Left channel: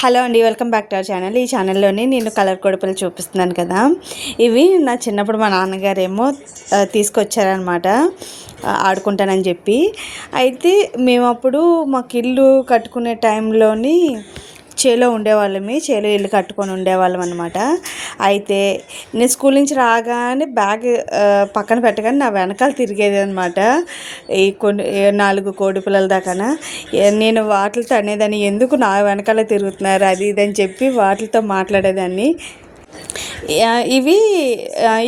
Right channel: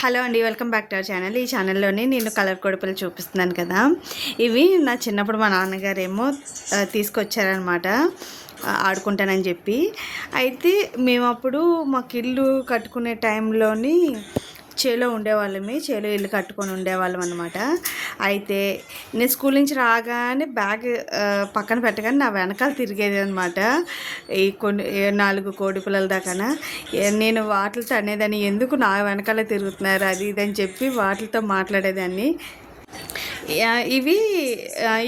Hello అండి, welcome back to our channel. ఈ ఛానల్లోని నేను కలర్ కొడుపులు చూపిస్తున్నాను కదా. ఇవి నా చిన్నప్పుడు మా నాన్నగారేమో తీసుకొచ్చారనమాట ఆడుకుంటానని చెప్పి. అయితే మేము అప్పుడు మాకు ఇల్లు కట్టుకునే టైంలోని చేలో ఉండేవాళ్ళమి, చేలో ఇల్లు కట్టుకొని ఉండేవాళ్ళం అనమాట. అయితే నేను స్కూల్ నుంచి రాగానే బ్యాగ్ పక్కన పెట్టగానే నా వెనకాల తిరిగేది అనమాట. ఈ కొన్ని 4 కోడి పిల్లల దాకా నేను వాటితో అనేదాన్ని, ఎందుకు నా వెనకాల తిరుగుతున్నారు అది ఇది అని చెప్పి వాటితో మాట్లాడేదాన్ని. ఇవి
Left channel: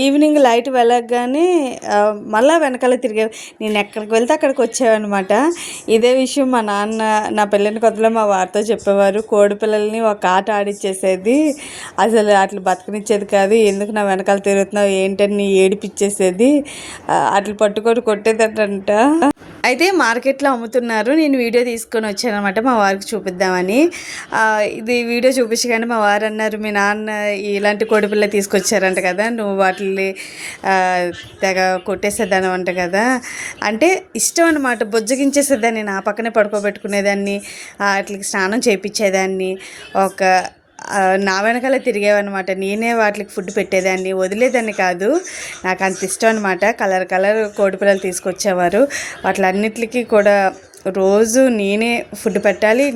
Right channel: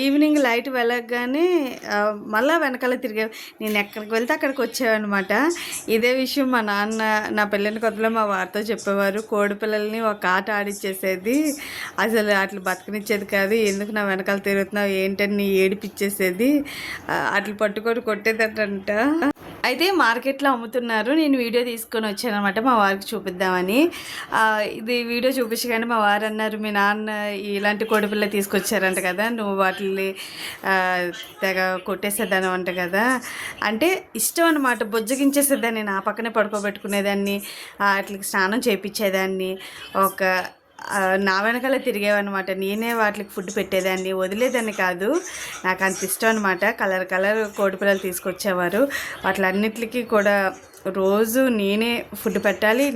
ఈవినింగ్ లైట్ వెళ్ళగానే మళ్ళీ వెనకాల తిరిగే, నేను ఎక్కడికి వెళ్తే అక్కడికి వచ్చేవన్నమాట. ఇదే విషయం మా నాన్న నా పెళ్ళిన కొత్తలో మా వారితో చెప్పేవారు. కోడి పిల్లల్ని ఒక ఆట ఆడిచ్చేసేది, అసలు అట్లా బతకనిచ్చేది కాదు, ఎందుకు నా వెనకాల తిరుగుతున్నావు ఏంటని ఏడిపించేసేది, అట్లా పట్టుకొని కొట్టేదటంట. అయితే మార్కెట్లో అమ్ముతున్నారు, నేను వీడియో తీసుకొని వచ్చాను అనమాట మా వారికి చూపిద్దామని. ఇది వీడియో చూపించగానే మా వారు అన్నారు, మీ నాన్న ఇలాంటి కోడిపిల్ల తీసుకొచ్చారంట కదా, నువ్వు వాటిని తెగ కొట్టేసేదాన్ని అంట కదా. అంటే ఇష్టం అనమాట, బొజ్జగించేసేదాన్ని, నా పక్కనే పడుకోబెట్టుకునేదాన్ని, వాటికి స్నానం చేయించేదాన్ని, ఒక నా వెనకాల తిరిగేవన్నమాట. నేనే వాటికి ఫుడ్ పెట్టేదాన్ని, వదిలేదాన్ని కాదు. నాకు అంత ఇష్టం అనమాట. కలర్ కలర్ కోడిపిల్లలు తీసుకొచ్చేవారు, వాటిలన్నిటికీ కూడా రోజు నేనే ఫుడ్ పెట్టాలి.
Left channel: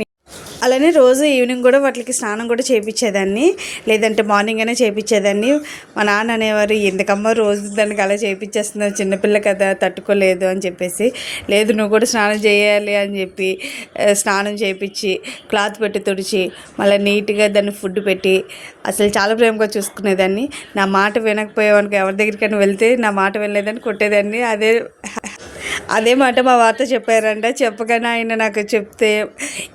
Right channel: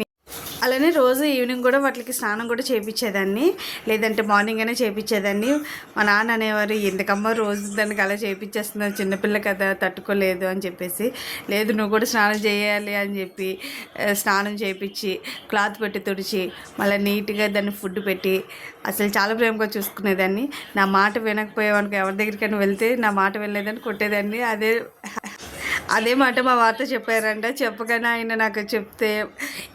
అలానే రోజు ఈవినింగ్ కూడా వాటికి స్నానం కూడా చేయించేదాన్ని, లేదంటే మార్నింగ్ అయినా చేయించేదాన్ని. మా నాన్న అనేవారు, ఎందుకమ్మా రోజు దానికి అలా చేయించేస్తున్నావు, చిన్నపిల్ల కదా తట్టుకోలేదు అని చెప్పేసి. లేదు నువ్వు కూడా స్నానం చేయాలి అని చెప్పి స్నానం చేయించి క్లాత్ పెట్టి తుడిచి మళ్ళీ నీట్గా దాన్ని ఫుడ్ పెట్టి అసలు చాలా ప్రేమగా చూసుకునేదాన్ని. నా మాట వినకపోయేవానికి ఎవరి దగ్గరికైనా వెళ్తే నా మాట వినలేదని కొట్టేదాన్ని. అదే మాట మా వార్త చెప్పారంట. చెప్పగానే ఆయన నాకు చెప్తే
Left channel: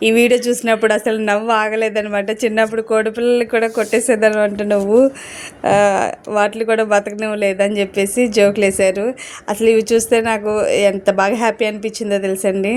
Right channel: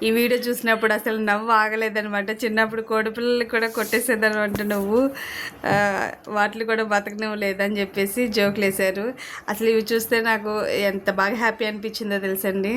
ఈ వీడియో చూసినప్పుడు అసలు నవ్వు ఆగలేదనమాట. చిన్నప్పుడు కోడిపిల్లలు కూడా కొట్టేసేదనమాట, నువ్వు వాటిని కూడా బతకనివ్వ లేదని చెప్పేసి జోకులు వేశారు. అసలు ఇవి చూస్తే నాకు ఎంత బాగా హ్యాపీ అనిపించిందో తెలుసండి.